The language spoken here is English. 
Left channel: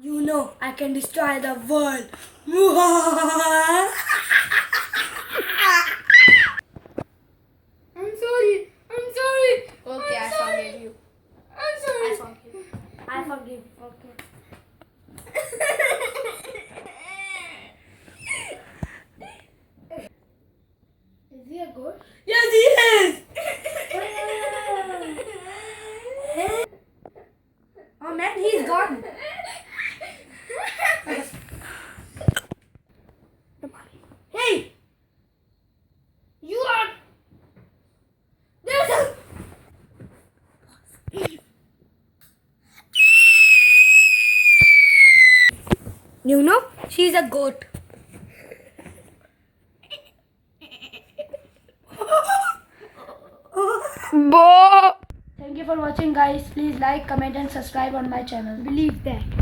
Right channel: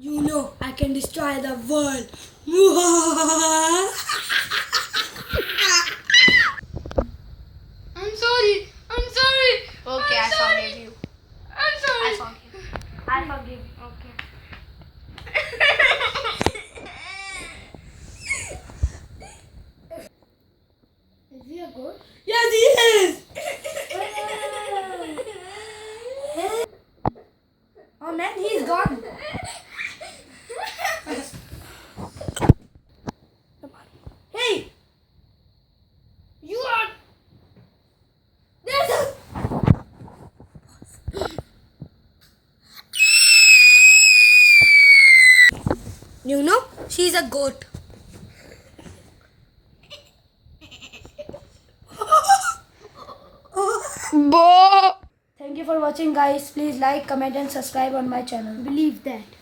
You know, I can destroy the world. I'm sorry. I'm sorry. Okay, I forgive you. I'm sorry. I forgive. I forgive. Okay. Is he a ghost? Yes, he is. Oh man, he's gone. Hey, you are. There's a. You know, she's a goat. Bo. Thank you for watching, guys. Please like, comment, and subscribe on my channel. Believe that.